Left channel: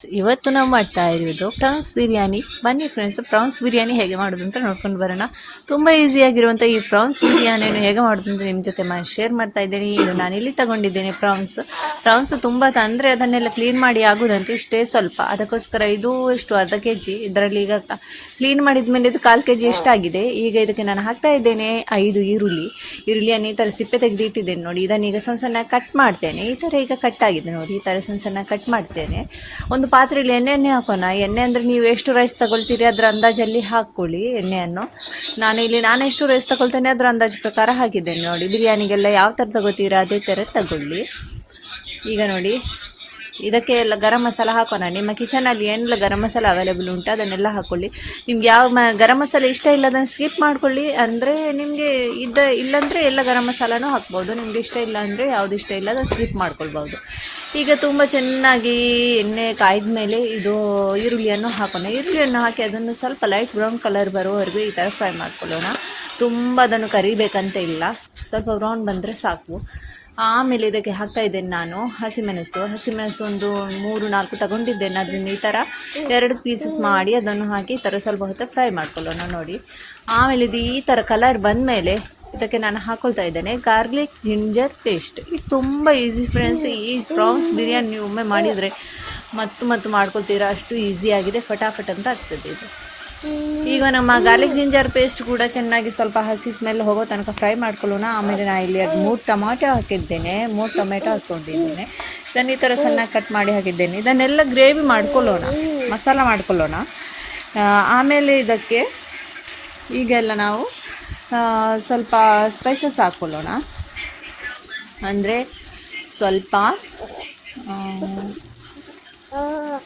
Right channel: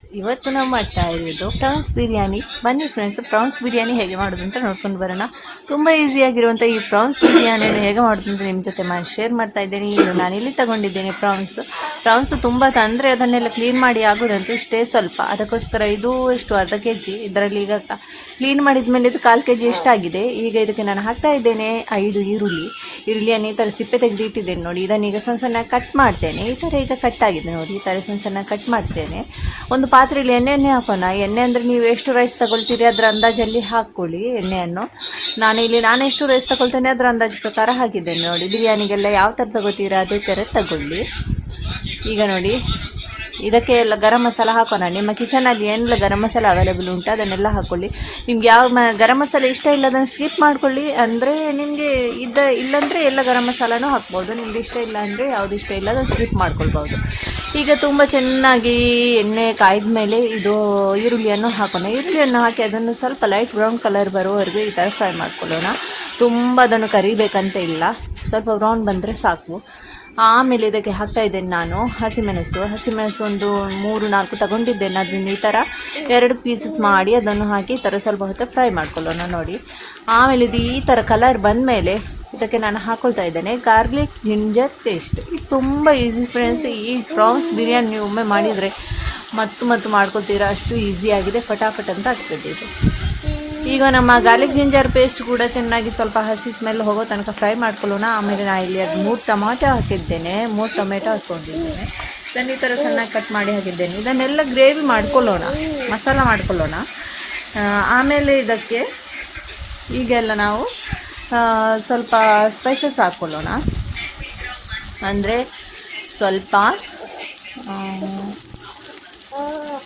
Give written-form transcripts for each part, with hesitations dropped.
ಇವತ್ತು ನಾವು ಮಾಡ್ತಾ ಇರೋದು ಪ್ರಾನ್ಸ್ ಬಿರಿಯಾನಿ. ಬನ್ನಿ ಫ್ರೆಂಡ್ಸ್, ಪ್ರಾನ್ಸ್ ಬಿರಿಯಾನಿ ಹೇಗೆ ಮಾಡೋದು ಅಂತ ನೋಡ್ಕೊಂಡು ಬರೋಣ. ತುಂಬ ಈಸಿಯಾಗಿರುವಂಥ ಈ ಪ್ರಾನ್ಸ್ ಬಿರಿಯಾನಿಯನ್ನು ಹೇಗೆ ಮಾಡೋದು ಅಂತ ನಿಮ್ಮ ಜೊತೆ ಶೇರ್ ಮಾಡ್ತಾ ಇದ್ದೀನಿ. ನಾನಿಲ್ಲಿ ತಗೊಂಡಿದ್ದೇನೆ ಪ್ರಾನ್ಸ್ ತುಂಬ ತಂದರೆ ಅದನ್ನೆಲ್ಲ ಕ್ಲೀನ್ ಮಾಡಿ ಆಗೋದಂತೂ ಇಷ್ಟೇ ಸ್ವಲ್ಪ. ಅದಕ್ಕೋಸ್ಕರ ಇದು ಎಷ್ಟು ಅರ್ಧ ಕೆ ಜಿ. ಇದರಲ್ಲಿ ಈಗ ಕ್ಲೀನ್ ಮಾಡಿದ ಮೇಲೆ ಇದು 1/4 kg ಎಷ್ಟಾಗಿದೆ. ಈಗ ಇದಕ್ಕೆ ನಾನು ಹಾಕ್ತಾ ಇದ್ದೇನೆ 5 ಈರುಳ್ಳಿಯನ್ನು ಈ ಥರ ಸಿಪ್ಪೆ ತೆಗೆದು ಇಟ್ಟಿದ್ದೇನೆ ನೋಡಿ. ಇದನ್ನು ಈಗ ಸಣ್ಣ ಸಣ್ಣ ಕಟ್ ಮಾಡ್ತೇನೆ. ಈ ಥರ ಈಗ ಕಟ್ ಆಗಿದೆ ನೋಡಿ, ಈ ಥರ ಸಣ್ಣ ಸಣ್ಣ ಕಟ್ ಮಾಡ್ತೇನೆ. ಒಂದು ಪಾತ್ರೆಯಲ್ಲಿ ಎಣ್ಣೆ ಹಾಕೋಣ. ಎಣ್ಣೆ ಅಂದರೆ ನೀವು ಎಷ್ಟು ರೈಸ್ ತಗೊಳ್ತೀರಿ ಅದರ ಅಂದಾಜಲ್ಲಿ ಹಾಕ್ಕೊಳ್ಳಿ ಎಣ್ಣೆಯನ್ನು. ನಾನು ಎಷ್ಟು ರೈಸ್ ತಗೊಳ್ತೇನೆ ಅದರ ಅಂದಾಜು ಪ್ರಕಾರ ಹಾಕಿದ್ದೇನೆ ನೋಡಿ. ಬಿರಿಯಾನಿಗೆಲ್ಲ ಯಾವ ಥರ ತಗೋತೀರಾ ಅದೇ ಥರ ತಗೊಳ್ಳಿ. ಈಗ ನೋಡಿ, ಇದಕ್ಕೆ ಎಲ್ಲ ಗರಂ ಮಸಾಲ ಹಾಕೋಣ. ನಿಮ್ಮ ಕಿಚನಲ್ಲಿ ಏನೆಲ್ಲ ಗರಂ ಮಸಾಲ ಅವೈಲೇಬಲ್ ಉಂಟು ಅದನ್ನೆಲ್ಲ ಹಾಕ್ಕೊಳ್ಳಿ. ನಿಮ್ಗೆ ಯಾವ ಗರಂ ಮಸಾಲ ಇಷ್ಟ ಇಲ್ಲ ಅದನ್ನು ಸ್ಕಿಪ್ ಮಾಡ್ಕೊಳ್ಳಿ. ಅಂದರೆ ನಿಮಗೆ ಇಲ್ಲಾಂದರೆ ಎಲ್ಲ ಗರಂ ಮಸಾಲನೂ ಹಾಕ್ಬೋದು. ನಿಮ್ಗೆ ಇಷ್ಟ ಇಲ್ಲ ಅಂದರೆ ಯಾವುದು ಇಷ್ಟ ಇಲ್ಲ ಅದನ್ನು ಸ್ಕಿಪ್ ಮಾಡ್ಕೊಳ್ಬೋದು. ಈಗ ತುಂಬ ಚೆನ್ನಾಗಿ ಎಣ್ಣೆ ಕಾಯ್ದ ಮೇಲೆ ಇದು ಈರುಳ್ಳಿಯನ್ನು ಹಾಕೋಣ. ಈರುಳ್ಳಿಯನ್ನು ಹಾಕಿ ಅದನ್ನು ಸ್ವಲ್ಪ ಲೈಟ್ ಬ್ರೌನ್ ಕಲರ್ ಬರೋವರೆಗೂ ಈ ಥರ ಫ್ರೈ ಮಾಡ್ಕೊಳ್ಳೋಣ. ತುಂಬ ಅದನ್ನು ಕರಿಬೇಕಂತ ಇಲ್ಲ, ಸ್ವಲ್ಪ ಬ್ರೌನ್ ಬಂದರೆ ಸಾಕು. ಆಮೇಲೆ ಇದಕ್ಕೆ ಹಾಕ್ತಾ ಇದ್ದೇನೆ ನಾನು ಹಸಿಮೆಣಸು ಒಂದು 3-4 ತಗೊಂಡಿದ್ದೇನೆ. ಅದನ್ನು ಈ ಥರ 2 ಪೀಸಸ್ ಮಾಡಿ ಅದನ್ನು ಹಾಕಿ ಈ ಥರ ಸ್ವಲ್ಪ ಹೊತ್ತು ಫ್ರೈ ಮಾಡ್ಕೊಳ್ಳೋಣ ನೋಡಿ. ಆಮೇಲೆ ಇದು ಈ ಥರ ಕಲರ್ ಬಂದಮೇಲೆ ಇದಕ್ಕೆ ನಾನು ಹಾಕ್ಕೊಳ್ತಾ ಇದ್ದೇನೆ ಗಾರ್ಲಿಕ್ ಜಿಂಜರ್ ಪೇಸ್ಟ್. ಇದು ತುಂಬ ಈಸಿ ಫ್ರೆಂಡ್ಸ್. ಈ ಪ್ರಾನ್ಸ್ ಬಿರಿಯಾನಿ ನೀವು ಒಮ್ಮೆ ಮಾಡಿದರೆ ಮತ್ತು ಮಾಡ್ಕೊಳ್ತೀರಾ, ಅಷ್ಟು ಈಸಿಯಾಗಿದೆ, ಫಟಾಫಟ್ ಅಂತ ಆಗ್ತದೆ ಇದು. ಈಗ ನಮ್ಮ ಗಾರ್ಲಿಕ್ ಜಿಂಜರ್ ಪೇಸ್ಟ್ ಕೂಡ ಚೆನ್ನಾಗಿ ಸ್ವಲ್ಪ ಹಸಿ ಸ್ಮೆಲ್ ಹೋಗೋ ತನಕ ಫ್ರೈ ಮಾಡ್ಕೊಳ್ಳೋಣ. ಆಮೇಲೆ ನಾನು ಇಲ್ಲಿ 3 ಟೊಮಾಟೊ ಹಾಕಿದ್ದೇನೆ, 3 ಟೊಮೆಟೊ ಹಾಕ್ಕೊಂಡಿದ್ದೇನೆ. ಇದನ್ನು ಈ ಥರ ಚೆನ್ನಾಗಿ ಕಟ್ ಮಾಡಿ ಹಾಕಿದ್ದೇನೆ. ಇದನ್ನೆಲ್ಲ ಗ್ರೇವಿ ಮಾಡ್ಕೊಳ್ಳೋಣ, ಮಸಾಲ ಮಾಡ್ಕೊಳ್ಳೋಣ. ಆಮೇಲೆ ಇದಕ್ಕೆ ಈಗೆಲ್ಲ ನಾವು ಸ್ವಲ್ಪ ಸ್ಪೈಸಸ್ ಹಾಕ್ಕೊಳ್ಳೋಣ. ಅಂದರೆ ಸ್ವಲ್ಪ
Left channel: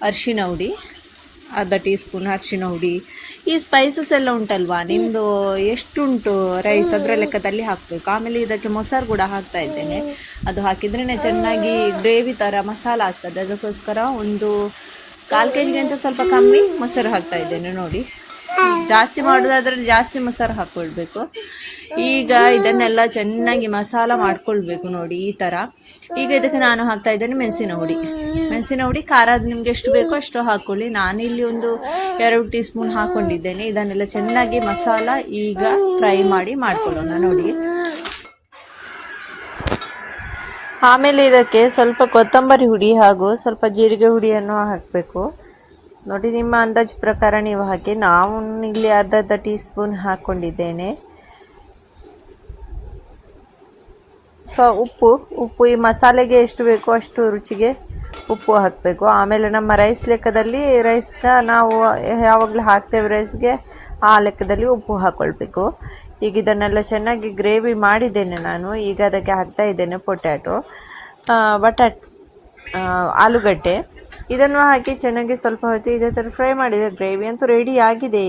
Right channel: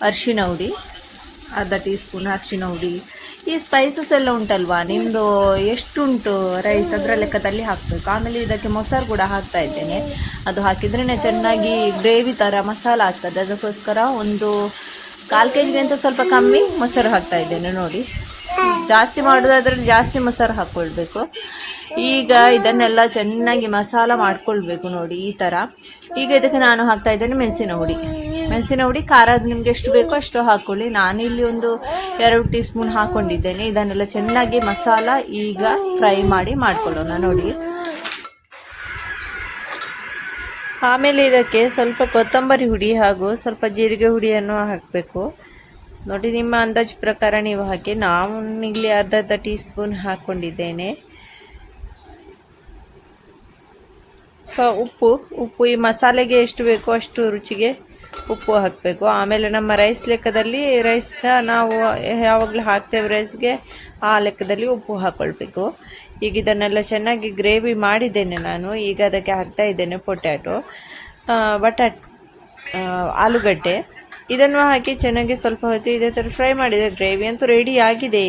ಅರಿಶಿನ ಹುಡಿ, ಅರ್ಧ ಟೀ ಸ್ಪೂನ್ ಅರಿಶಿನ ಹುಡಿ. ಈ ಸ್ಪೈಸಸ್ ಎಲ್ಲ ಉಂಟಲ್ವಾ, ನಿಮ್ಮದು ಎಷ್ಟುಂಟು ರೈಸ್ ಅದರ ಲೆಕ್ಕದಲ್ಲಿ ಹಾಕಬೇಕು. ಆಮೇಲೆ ಇದಕ್ಕೆ ಮೊಸರು ಕೂಡ ಹಾಕ್ತಾ ಇದ್ದೇನೆ. ಅದು ಹಾಕಿದ್ರೇ ಚೆನ್ನಾಗಿ ಗ್ರೇವಿ ಥರ ಮಸಾಲ ಆಗ್ತದೆ. ಅದಕ್ಕೋಸ್ಕರ ಒಂದು 1/4 kgಗಿಂತ ಸ್ವಲ್ಪ ಕಮ್ಮಿ ಮೊಸರು ಹಾಕ್ತಾ ಇದ್ದೇನೆ ನೋಡಿ. ಜಾಸ್ತಿ ಮಾಡೋದಾದ್ರೆ ಜಾಸ್ತಿ ಮೊಸರು ಹಾಕ್ಕೊಳ್ಬೇಕು. ಈಗ ಇದನ್ನೆಲ್ಲ ಚೆನ್ನಾಗಿ ಮಸಾಲ ಮಾಡ್ಕೊಳ್ಬೇಕು ನೋಡಿ ಈ ಥರ. ಈಗ ಇದಕ್ಕೆ ನಾನು ಹಾಕ್ತಾ ಇದ್ದೇನೆ ಮೆಣಸಿನ ಹುಡಿ. ಖಾರ ನಿಮ್ಗೆ ಎಷ್ಟು ಬೇಕೋ ಅಷ್ಟು ಹಾಕ್ಕೊಳ್ಳಿ. ನಾನಿಲ್ಲಿ ಒಂದು 2 ಟೀ ಸ್ಪೂನ್ ಹಾಕ್ಕೊಂಡಿದ್ದೇನೆ. ಇದನ್ನೆಲ್ಲ ಚೆನ್ನಾಗಿ ಮಸಾಲ ಈಗ ಫ್ರೈ ಮಾಡಿ ಮಾಡ್ಕೊಳ್ಳೋಣ ನೋಡಿ. ಆಮೇಲೆ ಇದಕ್ಕೆ ಸ್ವಲ್ಪ ಕೊತ್ತಂಬರಿ ಹುಡಿ ಹಾಗೂ ಸ್ವಲ್ಪ ಜೀರಿಗೆ ಹುಡಿಯನ್ನು ಹಾಕಬೇಕು ನೋಡಿ. ನಿಮ್ಮ ಅಂದಾಜು ಪ್ರಕಾರ ನೀವು ಹಾಕಿ. ನಾವು ಇಲ್ಲಿ ಅರ್ಧ ಟೀ ಸ್ಪೂನ್ ಹಾಕ್ಕೊಂಡಿದ್ದೇನೆ. ಉಪ್ಪು ಈ ಮಸಾಲೆಗೆ ಎಷ್ಟು ಬೇಕೋ ಅಷ್ಟು ರುಚಿಗೆ ಉಪ್ಪು ಹಾಕಬೇಕು. ಆಮೇಲೆ ನಮ್ಮ ರೈಸ್ ಲೆಕ್ಕದಲ್ಲಿ ರೈಸ್ನ ನಾವು ಯಾವಾಗಲೂ ಹಾಕ್ತೇವೆ ರೈಸ್ಗೆ, ಆ ಲೆಕ್ಕದಲ್ಲಿ ಉಪ್ಪು ಹಾಕ್ಕೊಳ್ಬೇಕು. ಈಗ ಇದನ್ನೆಲ್ಲ ಚೆನ್ನಾಗಿ ಗ್ರೇವಿ ಮಾಡಿದ್ದೇನೆ ನಾನು. ಈಗ ಅದಕ್ಕೆ ಹಾಕ್ತಾ ಇದ್ದೇನೆ ಆಲೂಗಡ್ಡೆ. ಇದನ್ನು ಹಾಕಿ ಚೆನ್ನಾಗಿ ಸ್ವಲ್ಪ ಹೊತ್ತು ಇದೇ ಥರ ಫ್ರೈ ಮಾಡಿದೆ. ಗ್ರೇವಿ ಅಂತೂ ರೆಡಿ ಆಗಿದೆ.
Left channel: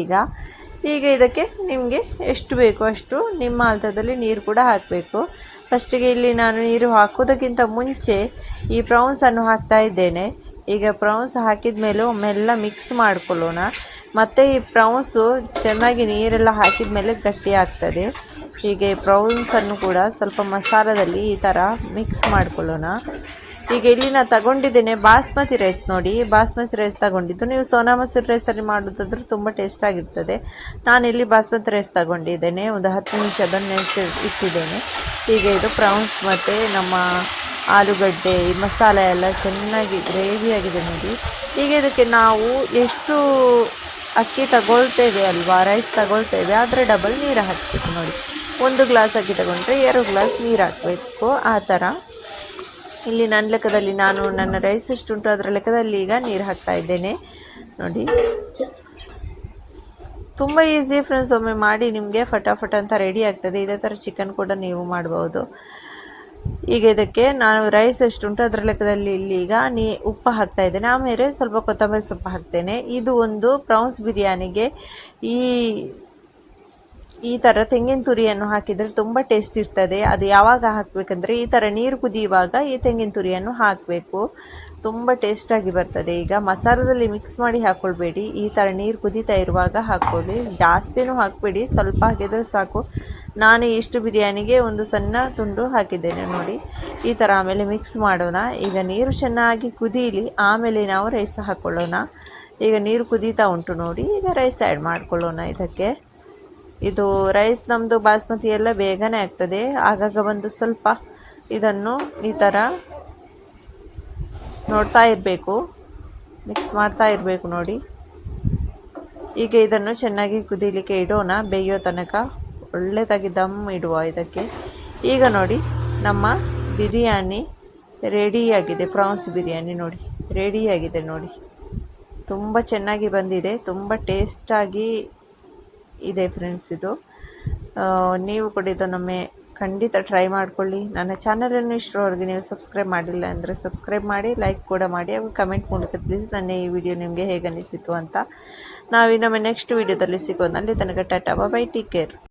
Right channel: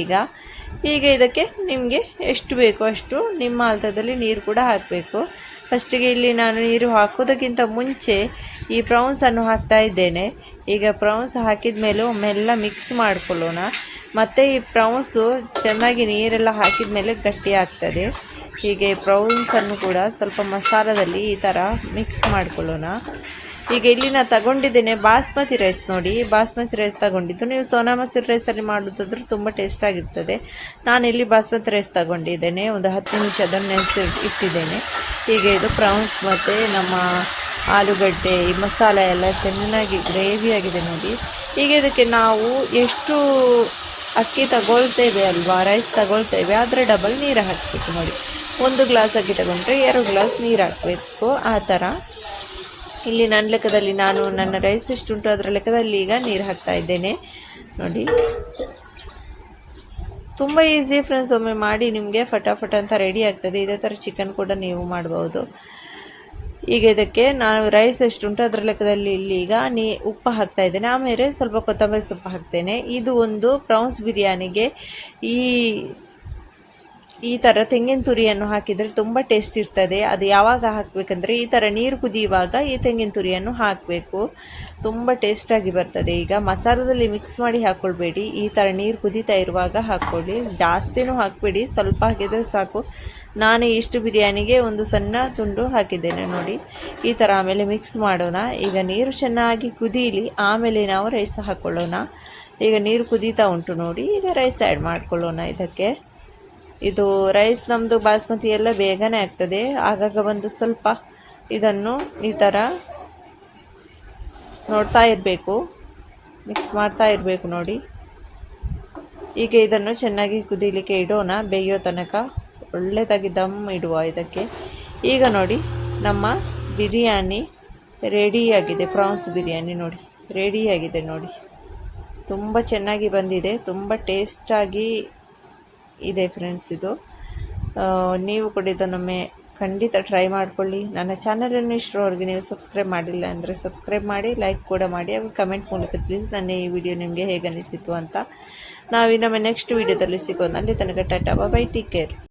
ಈಗ ಇದಕ್ಕೆ ನಿಮಗೆ ಎಷ್ಟು ಬೇಕೋ ಅಷ್ಟು ನಿಮ್ಮ ಹಂತದಲ್ಲಿ ನೀರು ಕೂಡ ಹಾಕಬೇಕು. ಫಸ್ಟಿಗೆ ಇಲ್ಲಿ ನಾನು ನೀರು ಹಾಕೋದಕ್ಕಿಂತ ಮುಂಚೆ ಈ ಪ್ರಾನ್ಸನ್ನು ಹಾಕ್ತಾ ಇದ್ದೇನೆ. ಈಗ ಪ್ರಾನ್ಸ್ ಹಾಕಿದ ಮೇಲೆ ಒಮ್ಮೆಲ್ಲ ಮಿಕ್ಸ್ ಮಾಡ್ಕೊಳ್ಳೋಣ. ಮತ್ತು ಈ ಪ್ರಾನ್ಸು ಚೆನ್ನಾಗಿ ನೀರೆಲ್ಲ ಹಾಕಿದ ಮೇಲೆ ಗಟ್ಟಿ ಆಗ್ತದೆ. ಹೀಗೆ ಪ್ರಾನ್ಸನ್ನು ಕೂಡ ಸ್ವಲ್ಪ ಮಸಾಲದಲ್ಲಿ ಈ ಥರ ಮಿಕ್ಸ್ ಮಾಡ್ಕೊಳ್ಳೋಣ. ಈಗ ಇಲ್ಲಿ ನಾನು ತಗೊಂಡಿದ್ದೇನೆ ಬಾಸ್ಮತಿ ರೈಸ್ ನೋಡಿ. ಬಾಸ್ಮತಿ ರೈಸ್ ತಗೊಂಡಿದ್ದು. ನೀವು ಸೋನಾ ಮಸೂರಿ ರೈಸಲ್ಲಿ ಮಾಡೋದಾದ್ರೆ ತುಂಬ ಟೇಸ್ಟ್ ಆಗಿರ್ತದೆ. ನಾನಿಲ್ಲಿ ಬಾಸ್ಮತಿ ರೈಸ್ ತಗೊಂಡಿದ್ದೇನೆ. ಒಂದು 10 ನಿಮಿಷ ಅದನ್ನು ನೆನೆಸಿ ಇಟ್ಟಿದ್ದೇನೆ. ಈಗ ಇದು ಪ್ರಾನ್ಸ್ ಮತ್ತು ನಮ್ಮ ಆಲೂಗಡ್ಡೆ ಈ ಮಸಾಲೆ ಎಲ್ಲ ಚೆನ್ನಾಗಿ ಗ್ರೇವಿ ಆಗಿದೆ ನೋಡಿ. ಈಗ ಇದಕ್ಕೆ ನಾವು ಎಷ್ಟು ಅಕ್ಕಿ ತಗೊಳ್ತೇವೆ ಅಲ್ವಾ, ರೈಸ್ ತಗೊಳ್ತೇವೆ, ಆದರೆ ಡಬಲ್ ನೀರು ಹಾಕಬೇಕು ನೋಡಿ. 1 ಗ್ಲಾಸ್ ಅಕ್ಕಿ ತಗೊಂಡ್ರೆ 2 ಗ್ಲಾಸ್ ನೀರು ಹಾಕಬೇಕು. ಆ ಥರ ಇಲ್ಲಿ ನನ್ನ ಲೆಕ್ಕದಲ್ಲಿ ನನ್ನ ರೈಸ್ ಎಷ್ಟುಂಟು ಅದರ ಲೆಕ್ಕದಲ್ಲಿ ಈಗ ನೀರು ಹಾಕ್ತಾ ಇದ್ದೇನೆ ನೋಡಿ. ತುಂಬ ಈಸಿ ಫ್ರೆಂಡ್ಸ್, ಒಮ್ಮೆ ಮಾಡಿ ನಿಮಗೆ ಫಟಾಫಟ್ ಅಂತ ರೆಡಿ ಆಗ್ತದೆ. ಇದೇ ಥರ ಚಿಕನ್ ಕೂಡ ನೀವು ಮಾಡ್ಬೋದು. ಈಗ ಇದಕ್ಕೆ ನಾನು ರೈಸ್ ಎಷ್ಟುಂಟು ಅದರ ಲೆಕ್ಕದಲ್ಲಿ ಇಲ್ಲಿ ಈಗ ಉಪ್ಪು ಹಾಕ್ತಾ ಇದ್ದೇನೆ. ಆಮೇಲೆ ಸ್ವಲ್ಪ ಕೊತ್ತಂಬರಿ ಸೊಪ್ಪು ಹಾಕ್ತೇನೆ. ಇದು ಒಂದು ಪ್ರಾನ್ಸ್ ಬಿರಿಯಾನಿಗೆ ಈ ಥರ ತೆಂಗಿನ ತುರಿಯನ್ನು ಹಾಕಿದರೆ ತುಂಬ ಟೇಸ್ಟ್ ಇರ್ತದೆ. ಅದು ಯಾವಾಗ ಹಾಕಬೇಕಂದ್ರೆ ಈ ಥರ ನೀರು ಕುದಿಯುವಾಗ ಈ ತೆಂಗಿನ ತುರಿಯನ್ನು ಹಾಕಬೇಕು, ತುಂಬ ಟೇಸ್ಟಾಗಿ ಬರ್ತದೆ. ಈಗ ಮಸಾಲದಲ್ಲಿ ಮಿಕ್ಸ್ ಮಾಡಿ ಹಾಕ್ಕೊಳ್ಬೇಡಿ, ಈ ಥರ ನೀರು ಕುದೀತಾ ಇರುವಾಗ ಹಾಕ್ಕೊಳ್ಳಿ. ಜಾಸ್ತಿನೂ ಹಾಕಬೇಡಿ, ಸ್ವಲ್ಪ ಹಾಕಿದರೆ ಸಾಕು. ನಾನು ಇಷ್ಟು ಬಿರಿಯಾನಿಗೆ ಒಂದು ಸಣ್ಣ ತುಂಡು ಹಾಕಿದ್ದೇನೆ ನೋಡಿ. ಈ ಥರ ಆಮೇಲೆ ಮಿಕ್ಸ್ ಮಾಡೋಣ. ಈಗ ನೀರು ಚೆನ್ನಾಗಿ ಕುದೀಲಿ, ಆಮೇಲೆ ನಾವು ರೈಸ್ ಹಾಕ್ಕೊಳ್ಳೋಣ. ಈಗ ನೀರು ಕುದೀತಾ ಉಂಟು ನೋಡಿ. ಈಗ ರೈಸ್ ಆ್ಯಡ್ ಮಾಡ್ಕೊಳ್ಳೋಣ ಇದಕ್ಕೆ. ಇದು ರೈಸ್ ನಮ್ಮದು ಬಾಸ್ಮತಿ ಎಲ್ಲ ಬೇಗನೆ ಆಗ್ತದೆ. ಆಗಾಗ ಬಂದು ಸ್ವಲ್ಪ ಇದನ್ನು ಈ ಥರ ನೋಡ್ತಾ ಇರಬೇಕು, ಮಿಕ್ಸ್ ಮಾಡ್ತಾ ಇರಬೇಕು ನೋಡಿ. ಈಗ ಇದನ್ನು ಚೆನ್ನಾಗಿ ಕುದೀಲಿಕ್ಕೆ ಇಡೋಣ, ಬೇಯೋ ತನಕ ಒಳ್ಳೆದಾಗಿ ದಮ್ ಇಡುವ ಇದಕ್ಕೆ. ಈಗ ನೋಡಿ ನಮ್ಮ ಬಿರಿಯಾನಿ ರೆಡಿಯಾಗಿದೆ. ಪ್ರಾನ್ಸ್ ಬಿರಿಯಾನಿ ನೋಡಿ ರೆಡಿಯಾಗಿದೆ ನೋಡಿ. ತುಂಬ ಚೆನ್ನಾಗಿ ಬಂದಿದೆ, ತುಂಬ ಟೇಸ್ಟಾಗಿ ಇದೆ ಫ್ರೆಂಡ್ಸ್. ಇದು ನೀವು ಕೂಡ ಇದನ್ನೊಮ್ಮೆ ಖಂಡಿತ ಟ್ರೈ ಮಾಡ್ಕೊಳ್ಳಿ. ನನ್ನ ಚಾನಲನ್ನು ಇಷ್ಟರವರೆಗೆ ನೀವು ಸಬ್ಸ್ಕ್ರೈಬ್ ಮಾಡಿಲ್ಲ ಅಂದರೆ ಸಬ್ಸ್ಕ್ರೈಬ್ ಮಾಡಿ, ಲೈಕ್ ಕೂಡ ಮಾಡಿ, ಹಾಗೂ ಕಮೆಂಟ್ ಮೂಲಕ ತಿಳಿಸಿ ನನ್ನ ಈ ವಿಡಿಯೋ ನಿಮಗೆ ಹೇಗೆ ಅನಿಸಿತು ಅಂತ. ನಾವಿನ್ನೊಮ್ಮೆ ನೆಕ್ಸ್ಟ್ ವಿಡಿಯೋದಲ್ಲಿ ಸಿಗೋಣ. ಅಲ್ಲಿ ತನಕ ಟಾಟಾ, ಬೈ, ಟೇಕ್ ಕೇರ್.